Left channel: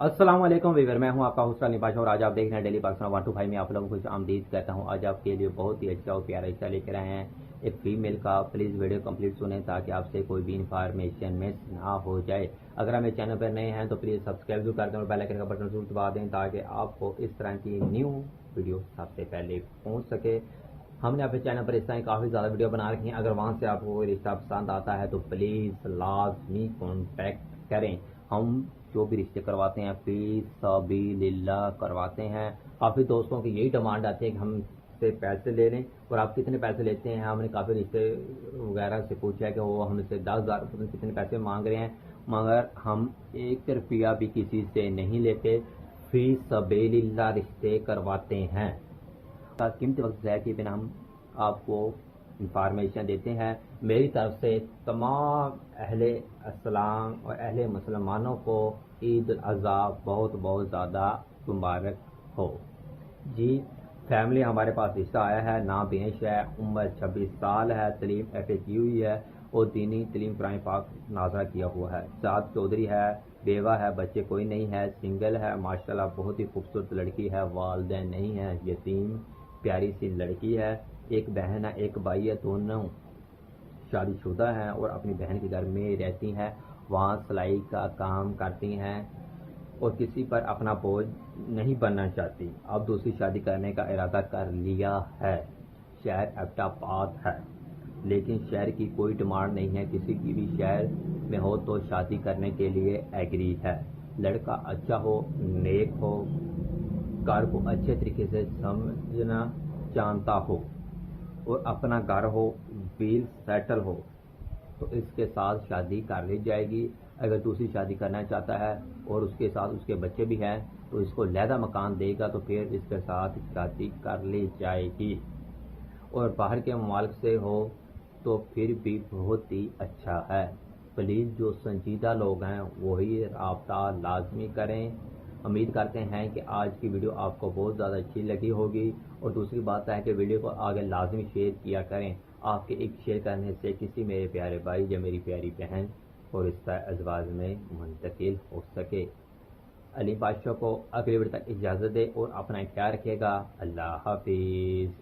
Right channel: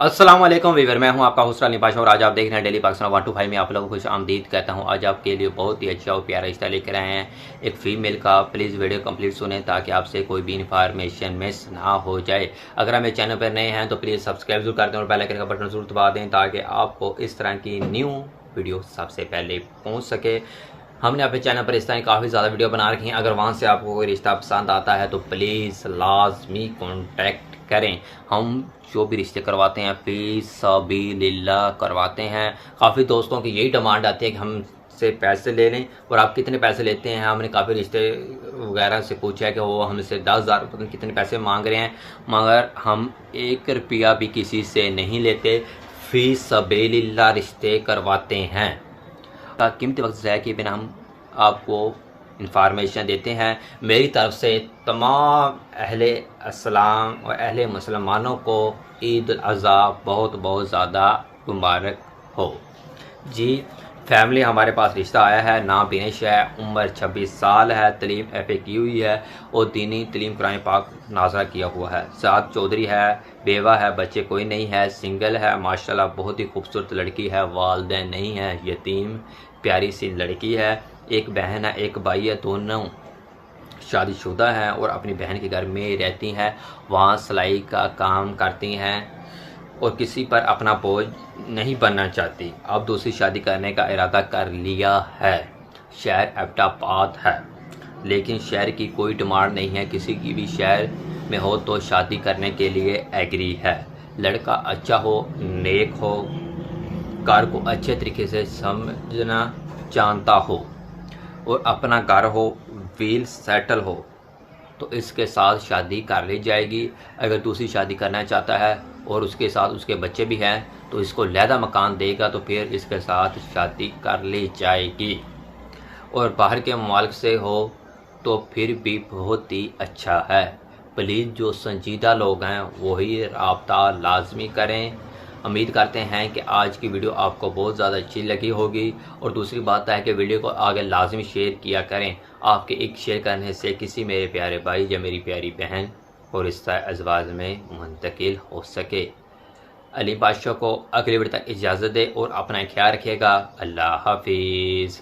अस्सलाम वालेकुम वीवर, मैं हूं आपका होस्ट अली पाशा और आज आप देख रहे हैं डेली पाकिस्तान 125 में आप लोगों को खुश आमदीद कहता हूं। आज आपके लिए बहुत ही अच्छा और प्यारा रिश्ता लेकर आए हैं एक फ़ीमेल का। प्लीज़ वीडियो कंप्लीट सुनें ताकि आपसे कोई भी इन्फॉर्मेशन मिस ना हो जाए। अगर हमें चैनल पर नए हैं तो प्लीज़ सब्सक्राइब जरूर कर दें और बेल आइकन का बटन जरूर दबा दें ताकि आपको इस तरह की न्यू वीडियो सबसे पहले पहुँच सके। हमने अपने चैनल पर इस तरह काफ़ी ज़्यादा वीडियो बना रखी हैं। अगर वहाँ से आपको कोई रिश्ता पसंद आता है तो प्लीज़ लाजमी कॉन्टैक्ट करें। हम जो भी रिश्ते करवाते हैं फी सबीलिल्लाह करवाते हैं। काफ़ी दोस्तों की यही डिमांड आती है कि हमसे पैसे ले लें और आप कितने पैसे लेते हैं। हमने काफ़ी रिश्ते वगैरह से पूछा है कि वो हमसे 10,000 पता नहीं कितने पैसे मांग रहे हैं, मगर हम 1 रुपया भी किसी से नहीं लेते। फी सबीलिल्लाह रिश्ते करवाते हैं। का कीमती वक्त ज़ाया किए बिना हम आपको इंफॉर्मेशन देते हैं। मेरी तरफ से तमाम अहले अस्सलाम और अहले मुसलमानों को ईद उल अज़हा बहुत बहुत ज़्यादा मुबारक हो। जी, फैमिली हमारे पास रिश्ता आया है। नाम बिनेश है, उम्र 26 साल है, तलीम FA की हुई है और दीनी तलीम कुरान पाक नाज़ा किया हुआ है। साद चौधरी है, बेवा है, बच्चे कोई नहीं है, सिंगल है। माशाल्लाह बहुत ही खूबसूरत लड़की है, वालिदैन नहीं है, यतीम प्यारी सी लड़की है। एक बहन है, एक भाई है, दोनों शादीशुदा हैं और अपनी बहन के घर में रहती हैं। वहाँ सिलाई का काम करती हैं और किसी पर अपना बोझ नहीं बनना चाहती। अब दूसरी शादी करने का इरादा कर लिया है। शहर एबटाबाद है, लेकिन शहर की कोई डिमांड नहीं है। किसी की भी शहर में हो तो शादी करने के लिए एग्री है। लड़का अच्छा हो, नेक हो, घर को अच्छे तरीके से समझना जानता हो और अपना घर हो, वेल सेटल हो तो इसके साथ शादी कर ली जाएगी। अगर दूसरी शादी करना चाहता है और उसके साथ उसके बच्चे भी हैं तो इसको लहदा मकान देगा तो फिर इसके साथ शादी कर ली जाएगी। और बाहर के ममालिक से हो तो फिर भी बहुत ही अच्छा है। प्लीज़ जो संजीदा लोग हैं वही राब्ता लाजमी करें। उम्मीद करते हैं कि आज की वीडियो आपको बहुत ज़्यादा अच्छी लगी होगी। और दूसरी बात है कि वीडियो को आगे लाजमी शेयर किया करें। आपके एक शेयर करने से किसी मेरे प्यारे भाई या मेरी प्यारी बहन और रिश्ता अज़वाज में मुंतकिल हो सके। अली बादशाह को अगली वीडियो तक इजाज़त दे और अपना ख्याल रखिएगा। अल्लाह हाफिज़।